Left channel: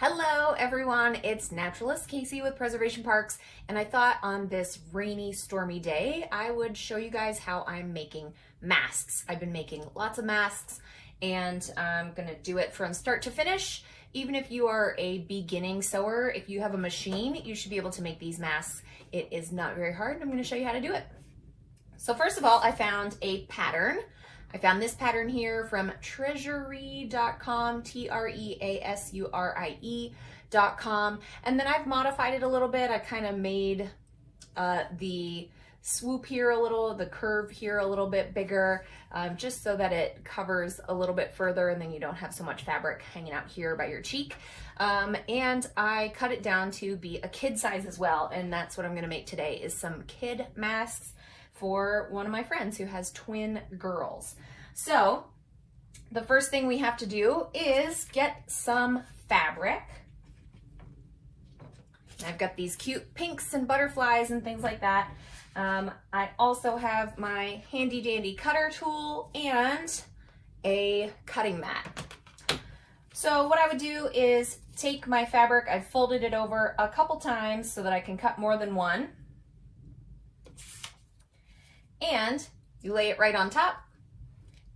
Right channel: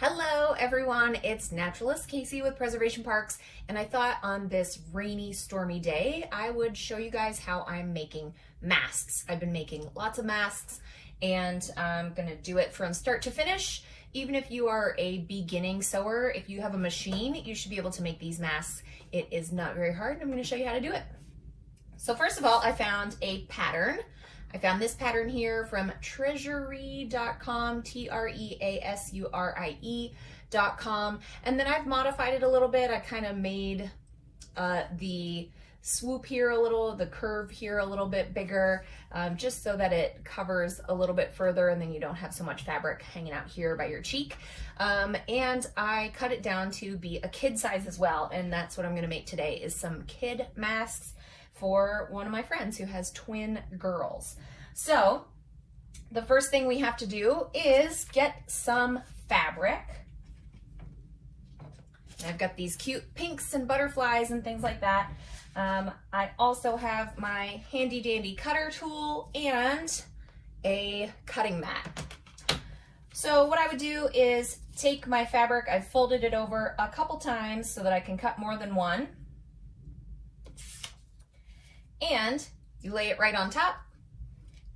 Hello everyone, it's Naturalist Casey with Preservation Parks, and I thought on this rainy, stormy day, I would show you guys how I'm making masks. I've been making lots of masks, and I'm gonna do it from start to finish. Even if you are a beginning sewer, if you have a machine, you should be able to make these masks. It is not very hard, and I'm gonna show you how to do it. So first of all, I found a pattern. I found this pattern here from treasury.com, treasurie.com, and then I've modified it a little bit. I kind of made the swoop here a little, the curve here a little bit bigger, just so that it covers a little bit further and then you don't have so much fabric hanging out here by your cheek. And I cut it down to be a kid size as well, and that's what I'm gonna make today, is some kid masks for one of my friends who has twin girls. So the first thing we have to do is get some fabric. I've got these cute pinks and butterflies and things like that. I also have my handy dandy cutter tool and a cutting mat. So what I would do is take my fabric, I've folded it over a couple times so that I can cut more than one. And you lay it right on top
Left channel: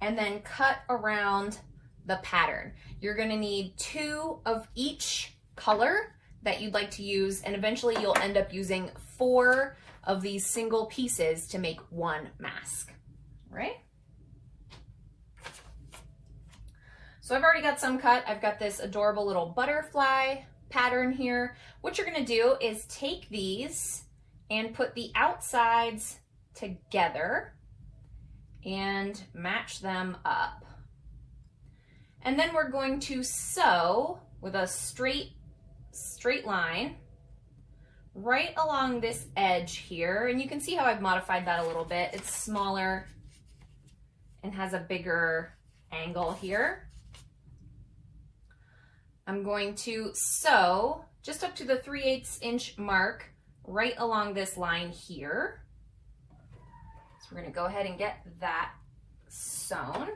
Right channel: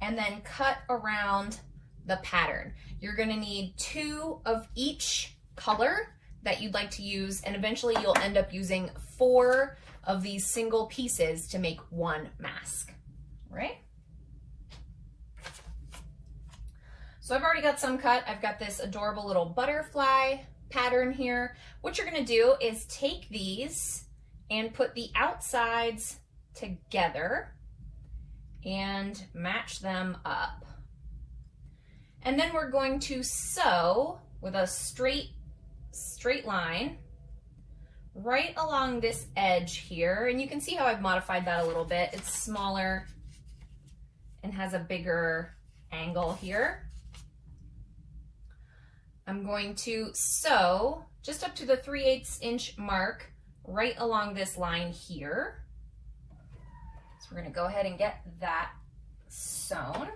and then cut around the pattern. You're gonna need 2 of each color that you'd like to use, and eventually you'll end up using 4 of these single pieces to make one mask, right? So I've already got some cut. I've got this adorable little butterfly pattern here. What you're gonna do is take these and put the outsides together and match them up. And then we're going to sew with a straight line right along this edge here. And you can see how I've modified that a little bit. It's smaller and has a bigger angle here. I'm going to sew just up to the 3/8 inch mark right along this line here. So we're going to go ahead and get that sewn.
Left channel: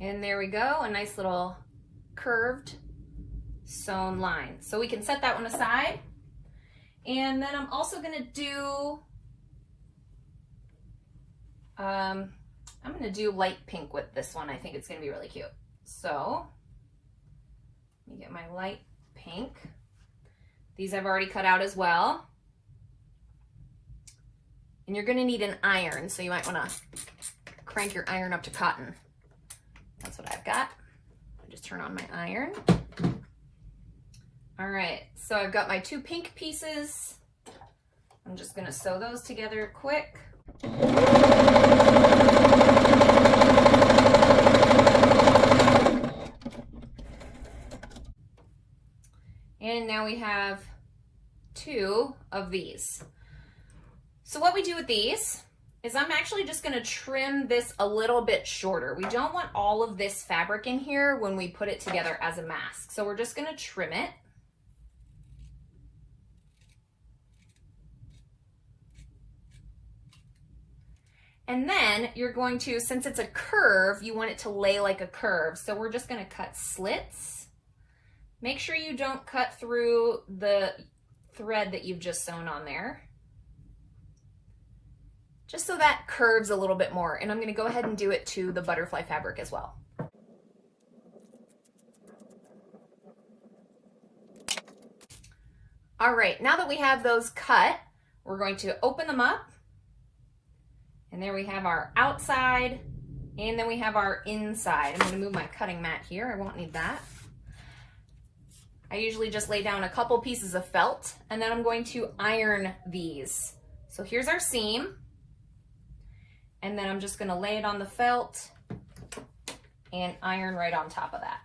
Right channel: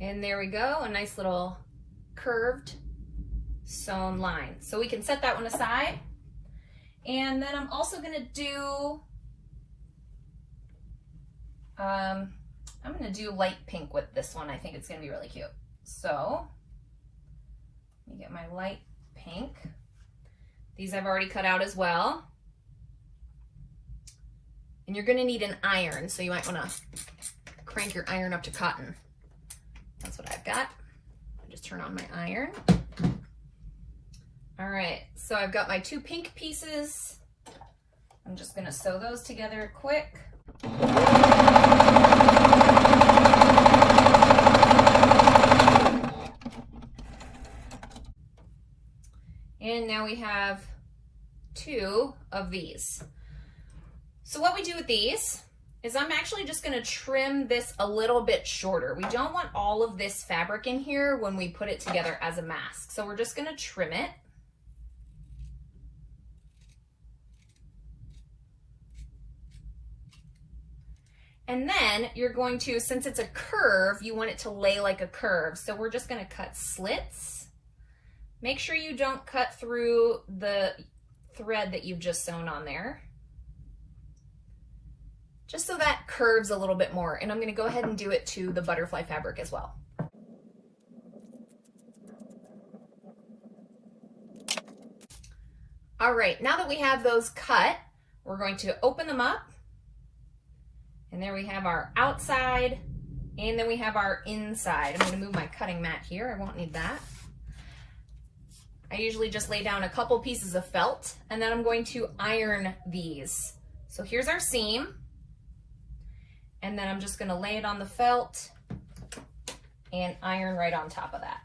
And there we go, a nice little curved sewn line. So we can set that one aside. And then I'm also going to do, I'm going to do light pink with this one. I think it's going to be really cute. So let me get my light pink. These I've already cut out as well. And you're gonna need an iron, so you might wanna crank your iron up to cotton. That's what I've got. I'll just turn on my iron. All right, so I've got my 2 pink pieces. I'm just gonna sew those together quick. And now we have 2 of these. So what we do with these is I'm actually just gonna trim this a little bit shorter. We don't want all of this fabric in here when we put it together as a mask. So we're just gonna trim it. And then you're going to, since it's a curve, you want it to lay like a curve. So we're just gonna cut slits. Make sure you don't cut through the thread that you've just sewn on there, just so that curves a little bit more. And I'm going to go ahead and do it to the butterfly fabric as well. All right, now that we have those cut, we're going to open them up. And there we have our outside, and then we have our inside. I'm going to move my cutting mat here. I won't need that. I usually just lay down a couple pieces of felt, and then I'm going to iron these. So here's our seam, and then I'm just going to lay it on the felt and iron right on top of that.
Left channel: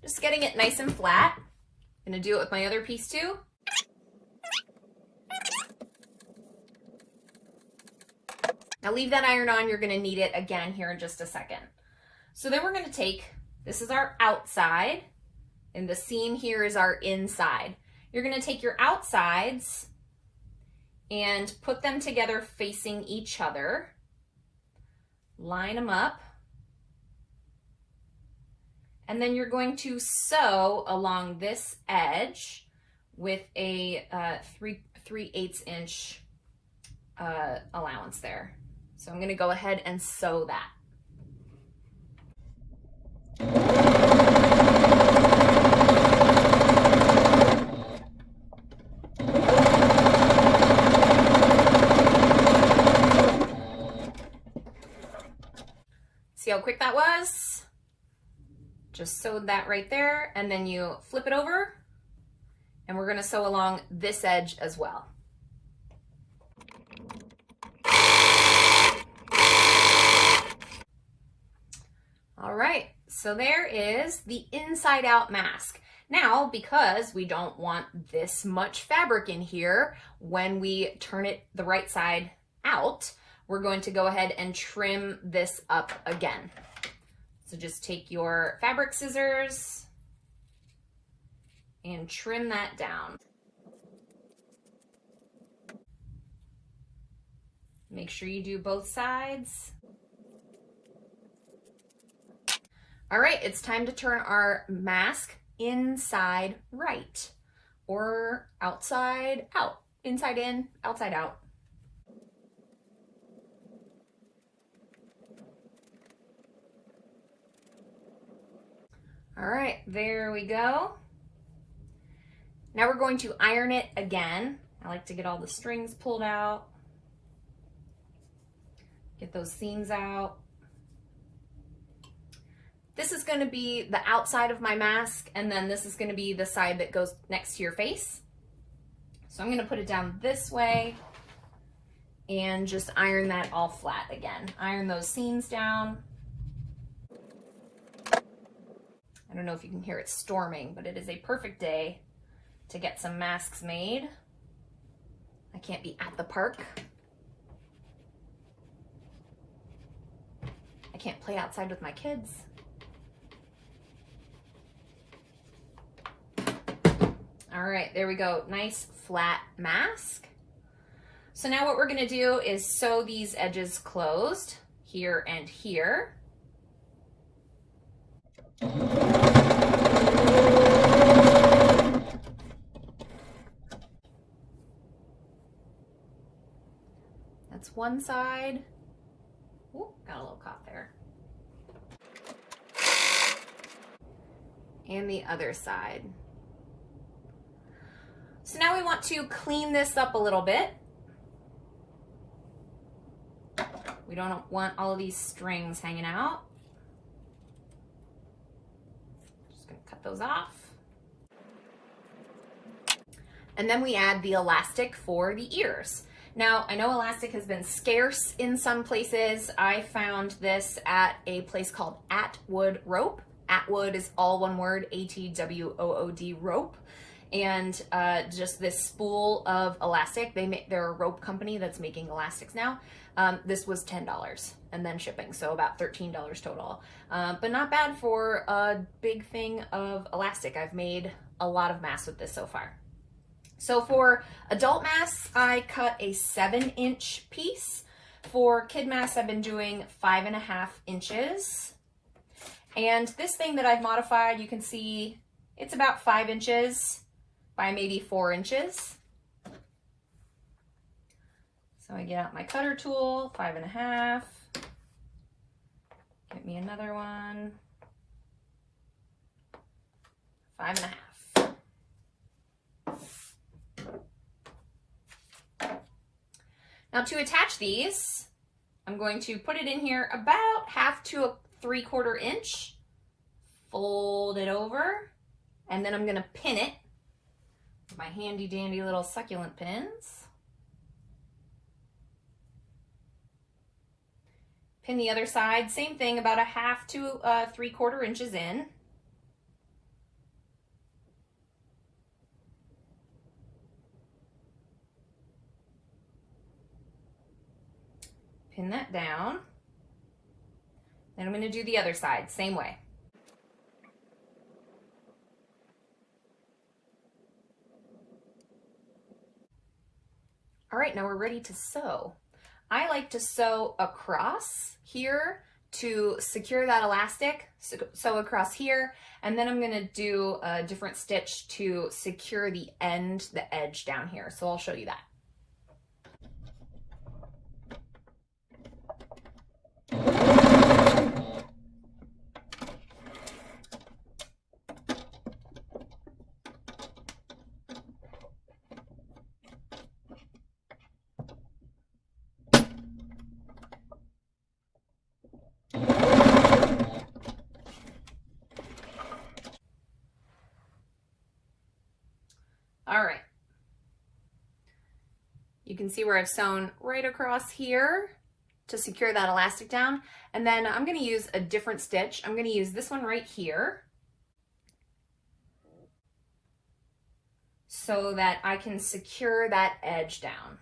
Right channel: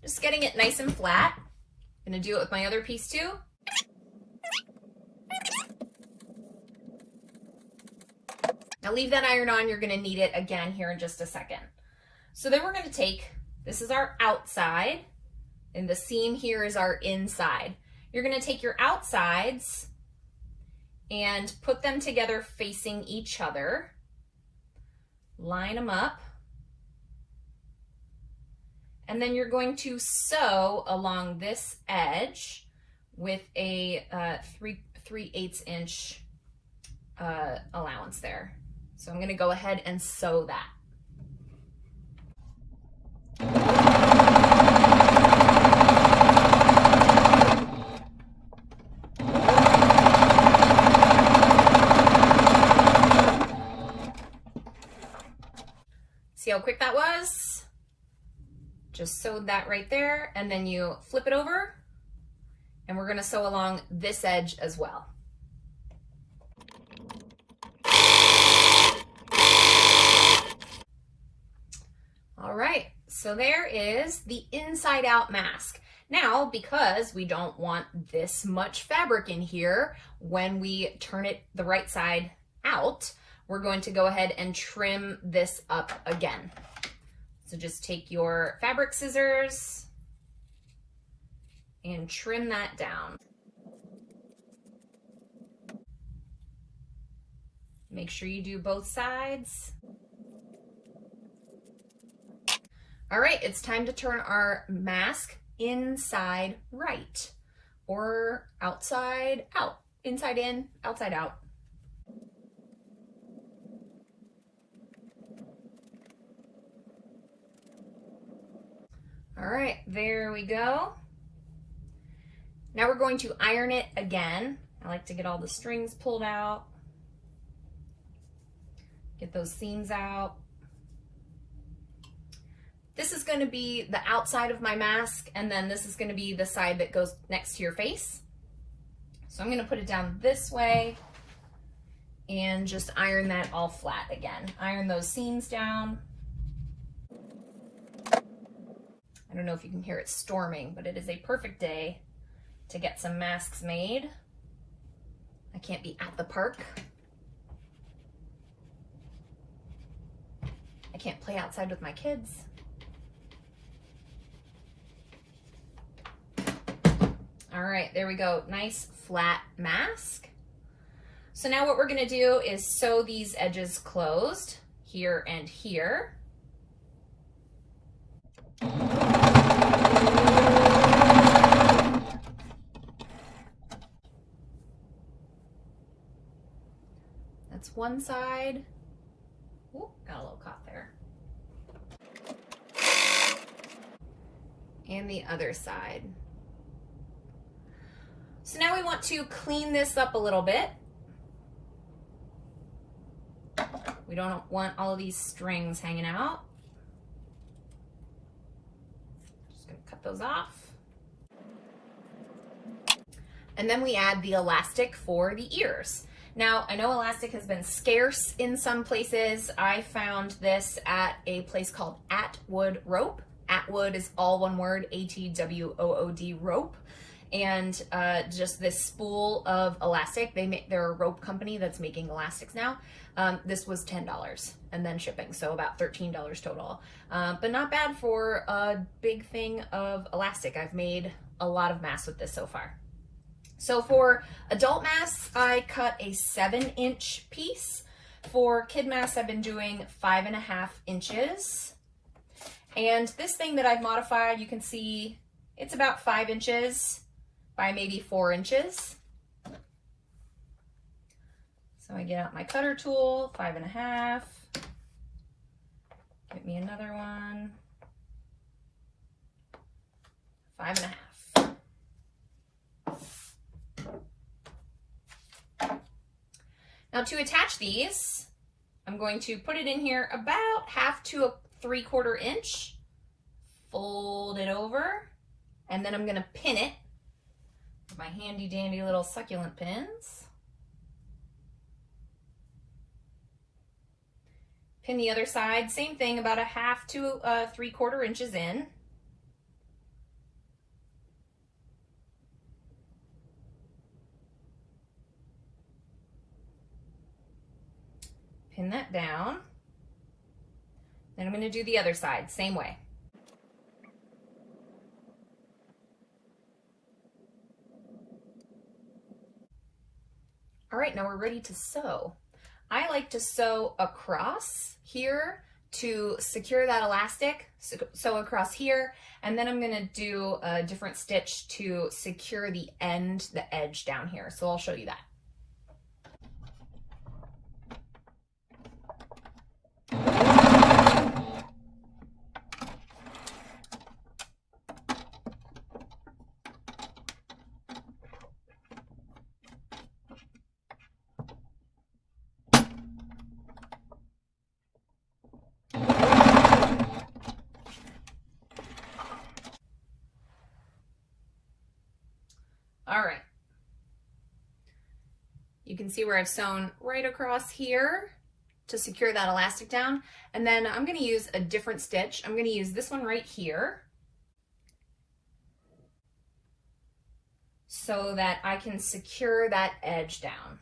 Just getting it nice and flat. I'm going to do it with my other piece too. Now leave that iron on, you're gonna need it again here in just a second. So then we're gonna take, this is our outside, And the seam here is our inside. You're gonna take your outsides and put them together facing each other. Line them up. And then you're going to sew along this edge with a 3/8 inch allowance there. So I'm gonna go ahead and sew that. See how quick that was? Just sewed that right there, and then you flip it over, and we're gonna sew along this edge as well. All right, so there is the inside out mask. Now, because we don't want this much fabric in here, when we turn it the right side out, we're going to go ahead and trim this up again. So just take your fabric scissors and trim that down. Make sure you do both sides. All right, it's time to turn our mask inside right, or outside out. Inside in, outside out. All right, there we go. Now we're going to iron it again. I like to get all the strings pulled out. Get those seams out. This is going to be the outside of my mask, and then this is going to be the side that goes next to your face. So I'm going to put it down this way and just iron that all flat again. Iron those seams down. I don't know if you can hear it storming, but it is a perfect day to get some masks made. I can't be at the park. I can't play outside with my kids. All right, there we go. Nice flat mask. So now what we're gonna do is sew these edges closed here and here. That's one side. Ooh, got a little caught there. And the other side. So now we want to clean this up a little bit. We don't want all of these strings hanging out. Just gonna cut those off. And then we add the elastic for the ears. Now, I know elastic has been scarce in some places. I found this at a place called Atwood Rope. Atwood is all one word, A-T-W-O-O-D rope. And just this spool of elastic. They're a rope company that's making elastics now. This was $10 and then shipping, so about $13 total. But not bad for a big thing of elastic. I've made a lot of masks with this so far. So for adult masks, I cut a 7-inch piece. For kid masks, I've been doing 5.5 inches. And this thing that I've modified, you can see it's about 5 inches by maybe 4 inches. So I get out my cutter tool, 5.5. Get me another one. 5.5. Now to attach these, I'm going to put it in here about 1/2 to 3/4 inch, fold it over, and then I'm gonna pin it with my handy dandy little succulent pins. Pin the other side, same thing, about 1/2 to 3/4 inches in. Pin that down. Then I'm going to do the other side, same way. All right, now we're ready to sew. I like to sew across here to secure that elastic, sew across here, and then I'm gonna do a different stitch to secure the edge down here. So I'll show you that. All right. You can see where I've sewn right across here to secure that elastic down. And then I'm going to use a different stitch. I'm going to use this one right here so that I can secure that edge down.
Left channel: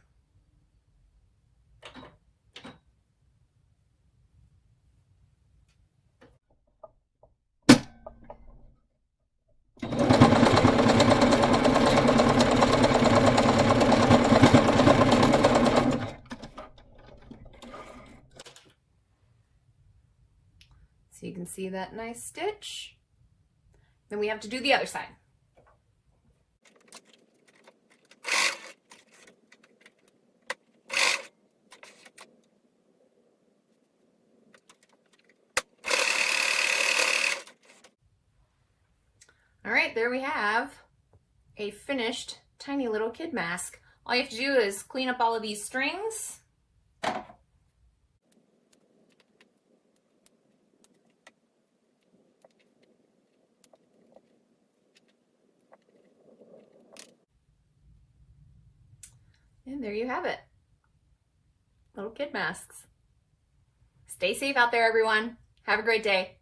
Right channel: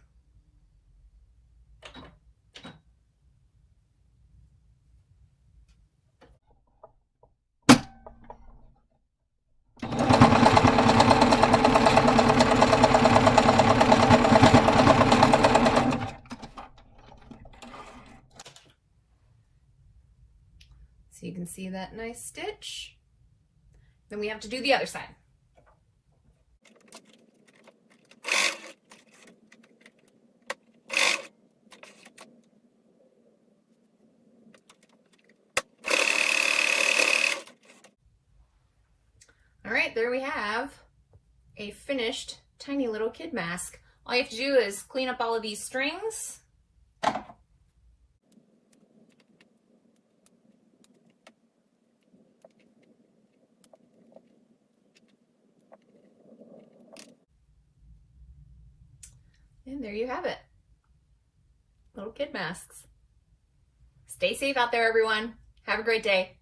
So you can see that nice stitch. Then we have to do the other side. All right, there we have a finished tiny little kid mask. All you have to do is clean up all of these strings. And there you have it. Little kid masks. Stay safe out there, everyone. Have a great day.